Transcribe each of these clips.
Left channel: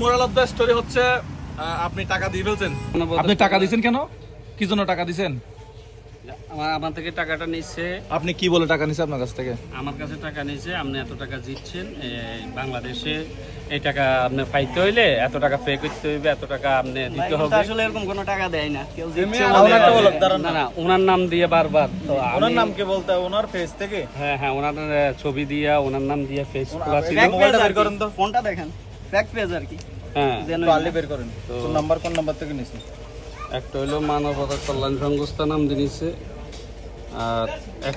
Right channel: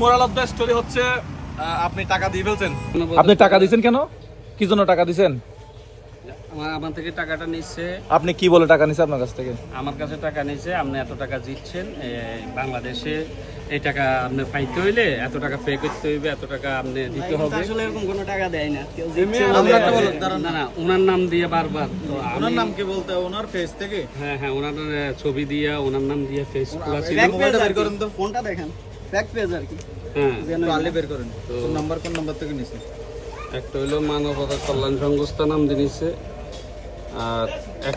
Moral of the story হচ্ছে আপনি টাকা দিয়ে ফেলছেন। আপনি টাকা দিয়েছেন কেন? কি জন্য টাকা দিয়েছেন? আমার থেকে টাকাটা নিচ্ছে। আপনি কি বলে টাকা নিছে আপনার কাছ থেকে? আমার কাছে টাকা নিচ্ছে, আপনি এত টাকা দিচ্ছেন বাংলাদেশে, এই টাকা আপনি পাইতে হইলে এত টাকা পে করতে হইবে, এত টাকা আপনি দিতে হবে। আসলে এরকম কোনো টাকা দেয় না, কেউ না না, ওনার নাম দিয়ে বারবার। ওনার নাম কে বলতে হবে? ওনার ফেস থেকে? হ্যাঁ হ্যাঁ, ওনার ছবি দিয়া, ওনার নাম দিয়ে ফেস খোলা ছিল। মোবাইলটা বের করেন তো, ফোনটা দেখেন, ফ্যাক্ট পেজ আর কি। হ্যাঁ, তাহলে বের করেন তো। কোন নাম্বার থেকে নিছে? একটা হইলো মানবতা কল্যাণ সংস্থা নাম দিয়েছে। আর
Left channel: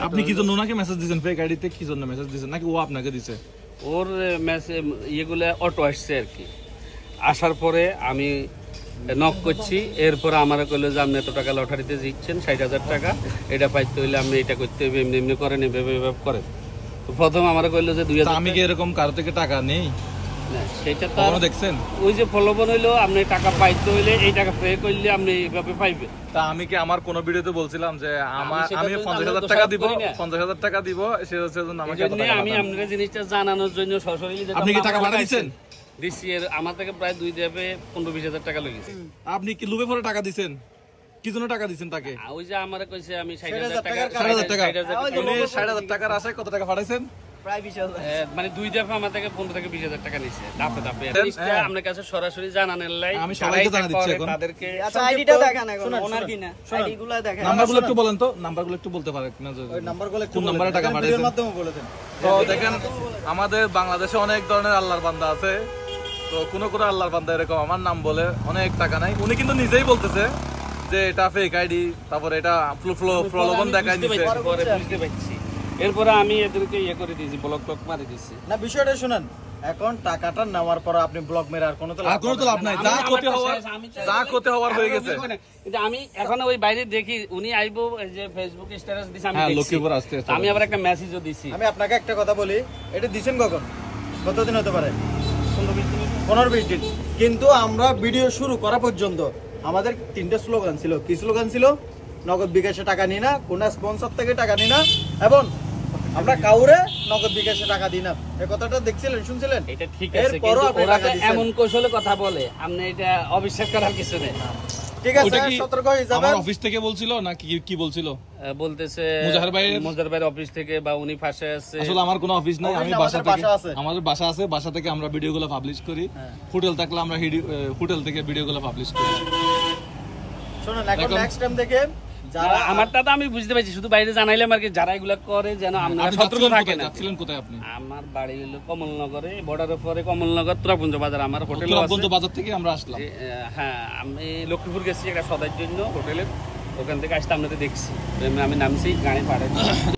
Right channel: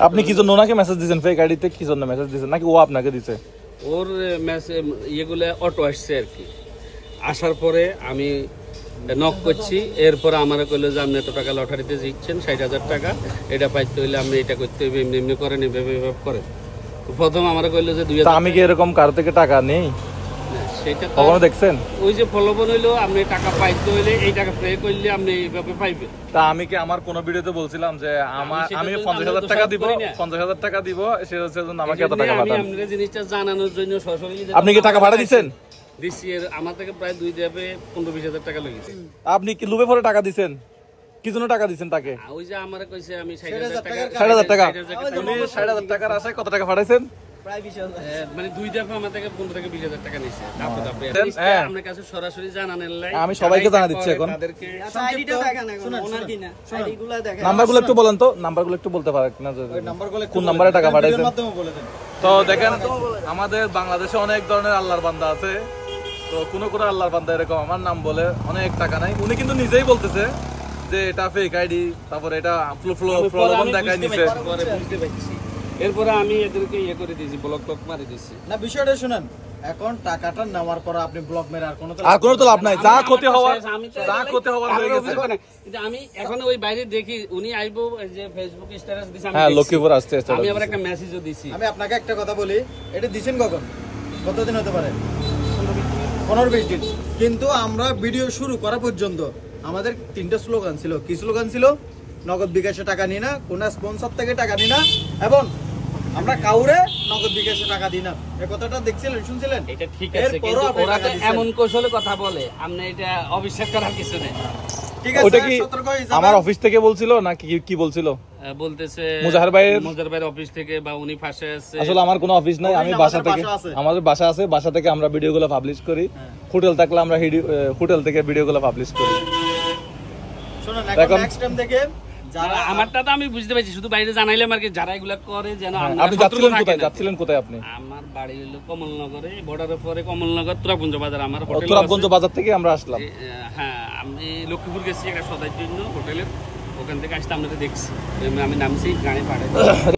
আপনি কি জন্য ওনাকে মেসেজ দিয়েছেন ফেক আইডিতে? কি জন্য মেসেজ দিয়েছেন, নাকি ও আপনাকে দিছে? ওর মেসেজ ইয়েগুলো অটো আসছে আর কি। আসার পরে আমি নক করছি, এরপর আমার কইলো যে আপনি এত টাকা লটারিতে জিতছেন 60,000 টাকা, এটা পাইতে হইলে আপনি এটা করতে হবে, এমনি এমনি করেন, এভাবে এভাবে করেন। প্রথম আমার কইলো যে 2000। আমি কি এরকম কারো থেকে টাকা নেই? সেটা তো কখনো দেখছেন? ওই যে ফলোবন হইলো, আপনি টাকা পাইতে হইলে এই টাকা পে করলে আপনি এইভাবে পাইবেন। তা আমি কি আমার কোন ভিডিওতে বলছিলাম যে আমি 50,000 টাকা দিব, 50,000 টাকা দিব, সে হচ্ছে আমাকে এত টাকা আমি পাঠান? আপনাদের জিনিসটা জানানোর জন্য সরাসরি। আপনি কি টাকা ভাড়া দিচ্ছেন? দিচ্ছি, আমার থেকে প্রায় 2 দেবে 15-20,000 টাকা লেগেছে। আপনি কি লুবে পরে টাকা দিচ্ছেন? কি জন্য টাকা দিচ্ছেন তাকে? ওই যে আমার কইছে আমি 60,000 টাকা। 60,000 টাকা? উনি 60,000 টাকার আশায় কত টাকা পাঠাইছেন? প্রায় 20,000। মানে 2 দফা আমার থেকে 15 থেকে 20,000 টাকা নিছে ধাপে ধাপে। আপনার কাছে সরাসরি জানানোর লাই আমি সবাইকে জানা দিচ্ছি এখন। তাদেরকে আচ্ছা, আইডিটা দেখান এখন, ওনার কি না আইডিগুলো দেখান। নাম্বারগুলো একটু বলেন তো, নাম্বারগুলো একটু বলতে পারেন না? কোন নাম্বারে টাকা পাঠাইছেন? তো দেখেন, আমাদের বাংলাদেশে অনেক ধরনের আল্লাহর বান্দা আছে। তো কোন আল্লাহর বান্দা এরকম আমার নাম বলে অনেক টাকা নাই। উনি কিন্তু নিজেই বলতেছে যে এটা ফেক আইডি, তারপরে এটা প্রলোভন দেখায় নিছে। পরে বুঝতে পারছি, এরপরে আমি এদেরকে ইয়ে করে দিয়েছি, ব্লক টক মারি দিয়েছি। না, বিষয়টা শুনেন, এখন টাকাটা নেওয়ার পর আপনি ব্লক মেরে আর কোনো তো লাভ নাই। যা ক্ষতি হওয়ার হয়ে গেছে। কিন্তু আমি এখন ওই বাইরে দেখি উনি আইবো, যে ফেসবুক স্ট্যাটাস দিছে, আমি হ্যাঁ, লক্ষ্মীপুর আসছে। আমি আবার একটা মেসেজও দিছি। আমি আপনাকে একটা কথা বলি, এটা দিছেন কখন, কতদিন হতে পারে? 15-20 দিন। কিন্তু আমরা ভিডিও শুরু করা পর্যন্ত আমাদের 3টা স্লোগান ছিল। কি স্লোগান ছিল? নগদ বিকাশে টাকা নিই না, কোন স্পন্সর থেকে টাকা নিই না, এবং আমরা কাউরে নগদ বিকাশে টাকা দিই না। এই কথাটা দেখছিলেন, শুনছিলেন? এটা ঠিক আছে, কিন্তু ওরা তো এমন কৌশলে কথা বলে, আপনি এটা অবিশ্বাস করার কিছু নেই। ঠিক আছে, সতর্ক হয়ে যাবেন। আমার অফিস থেকে বলছিল না কি বলছিল? বলতেছে মুজাহির ভাইয়ের অফিস থেকে, বা উনি ফাঁসে আছে। আসলে আমার কোনো অফিস নাই, আমি বাসা থেকে, আমাদের বাসা আছে, বাসা থেকে আমরা ভিডিওগুলো পাবলিশ করি। হোটেল থাকলে আমরা হোটেল থেকে ভিডিওগুলো পাবলিশ করি। শুনুন, এখন নেক্সট টাইম থেকে আমারটা তো আমি বুঝতে পারছি, শুধু বাইরে জানাইলাম আর কি, যারা এগুলা করে যেন আপনি যাচ্ছিলেন কোথায়? আপনি? আমার বাড়ি হলো কমলনগরে, বর্ডারের পরে কমলনগর তুরাগঞ্জ বাজার আমার হোটেল। তুরাগঞ্জ বাজার থেকে আমরা আসলাম। হ্যাঁ, আমি লক্ষ্মীপুর গেছি একটা সদাইয়ের জন্য হোটেলের, ওখান থেকে আসতে আপনাদের দেখছি, আমি নামছি, গাড়ি পাঠাই।